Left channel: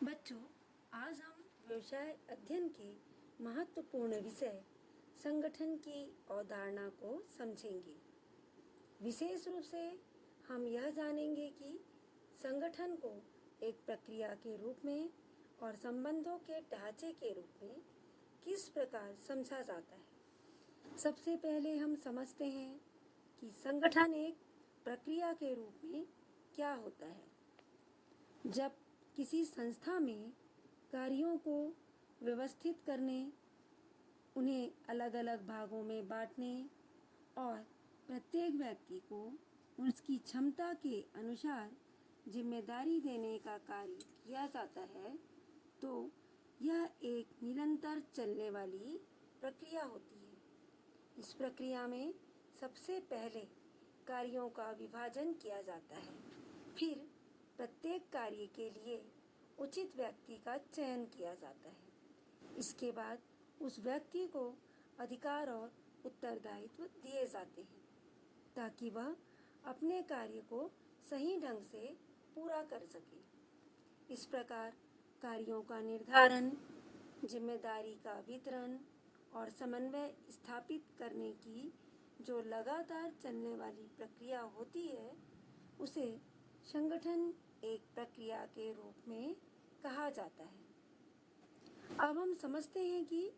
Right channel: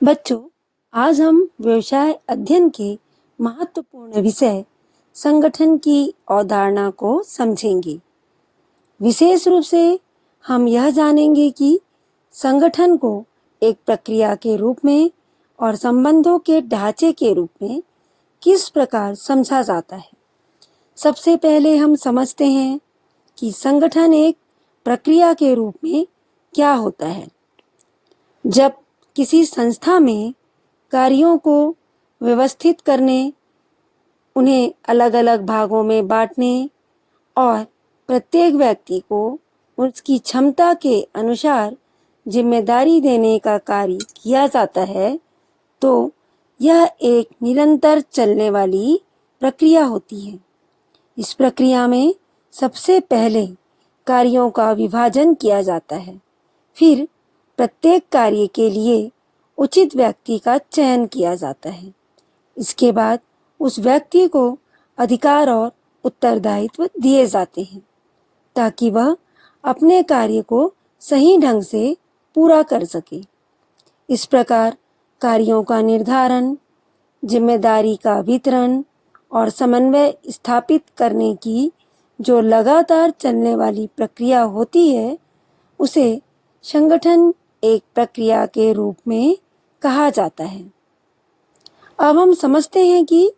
बच्चों, आज हम व्यवसाय अध्ययन के महत्वपूर्ण विषय संगठन की अवधारणा को समझेंगे। विशेष रूप से हम यह जानेंगे कि संगठन को एक प्रक्रिया के रूप में और संबंधों के ढांचे के रूप में किस प्रकार समझा जाता है। सबसे पहले हम समझते हैं कि संगठन एक प्रक्रिया के रूप में क्या होता है। जब किसी संस्था में कार्यों को व्यवस्थित करने, उन्हें अलग अलग भागों में बांटने और प्रत्येक व्यक्ति को उसकी क्षमता के अनुसार जिम्मेदारी देने का कार्य किया जाता है, तो यह एक निरंतर चलने वाली प्रक्रिया होती है। इस प्रक्रिया में सबसे पहले कार्यों का विभाजन किया जाता है, फिर प्रत्येक कार्य के लिए उचित व्यक्ति का चयन किया जाता है। इसके बाद उस व्यक्ति को अधिकार और उत्तरदायित्व दिए जाते हैं ताकि वह अपने कार्य को सही ढंग से पूरा कर सके। इस प्रकार कार्यों का निर्धारण, जिम्मेदारी का वितरण और समन्वय स्थापित करने की जो लगातार चलने वाली प्रक्रिया होती है, उसे संगठन एक प्रक्रिया के रूप में कहा जाता है। अब हम समझते हैं कि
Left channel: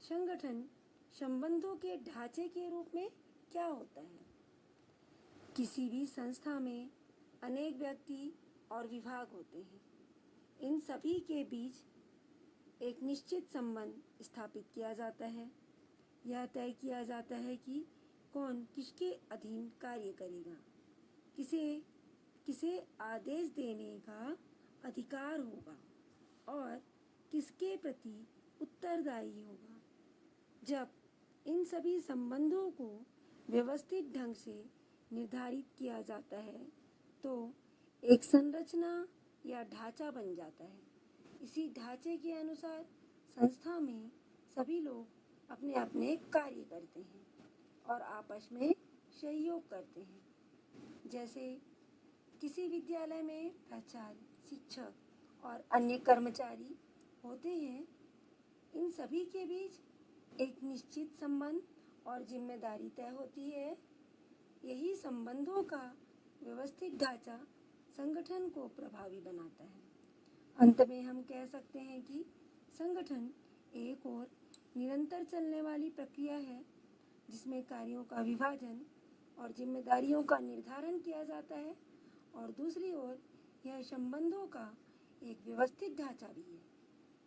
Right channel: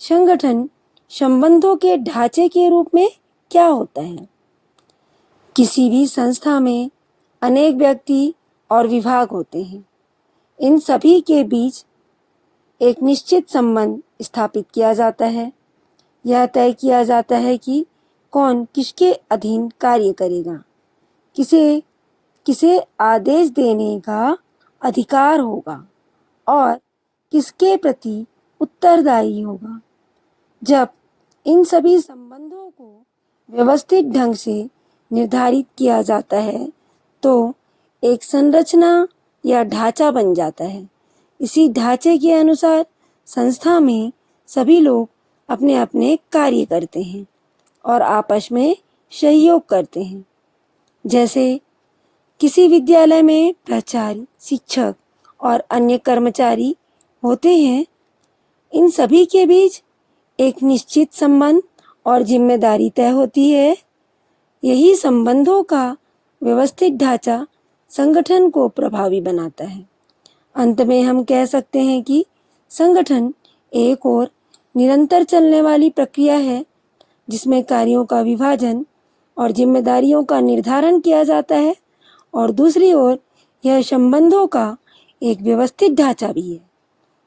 संगठन संबंधों के ढांचे के रूप में क्या होता है। किसी भी संस्था में अनेक व्यक्ति और विभाग होते हैं। इन सभी के बीच एक निश्चित संबंध स्थापित किया जाता है। यह तय किया जाता है कि कौन किसके अधीन कार्य करेगा, किसे किसे आदेश देने का अधिकार होगा और किसके प्रति उत्तरदायी होगा। जब इन सभी संबंधों को व्यवस्थित ढंग से निर्धारित किया जाता है, तो एक संरचना या ढांचा बन जाता है। इसी ढांचे के अनुसार संस्था में सभी लोग अपने अपने कार्य करते हैं और आपस में सहयोग करते हैं। जैसे किसी विद्यालय में प्राचार्य, शिक्षक और अन्य कर्मचारी होते हैं। इन सभी के बीच एक निश्चित संबंध और जिम्मेदारी तय होती है। यही संबंधों का व्यवस्थित ढांचा संगठन को प्रभावी बनाता है। अंत में हम कह सकते हैं कि संगठन एक और निरंतर चलने वाली प्रक्रिया है, जिसमें कार्यों का विभाजन और जिम्मेदारियों का निर्धारण किया जाता है, और दूसरी ओर यह संबंधों का एक व्यवस्थित ढांचा भी है,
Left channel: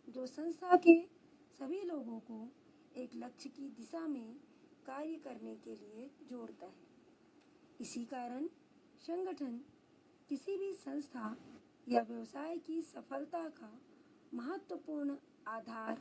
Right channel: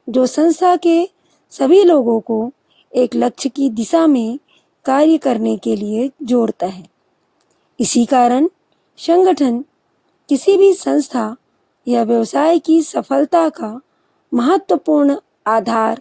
जो संस्था के सभी लोगों को एक लक्ष्य की दिशा में कार्य करने के लिए जोड़ता है। इसी कारण संगठन किसी भी संस्था या व्यवसाय की सफलता का महत्वपूर्ण आधार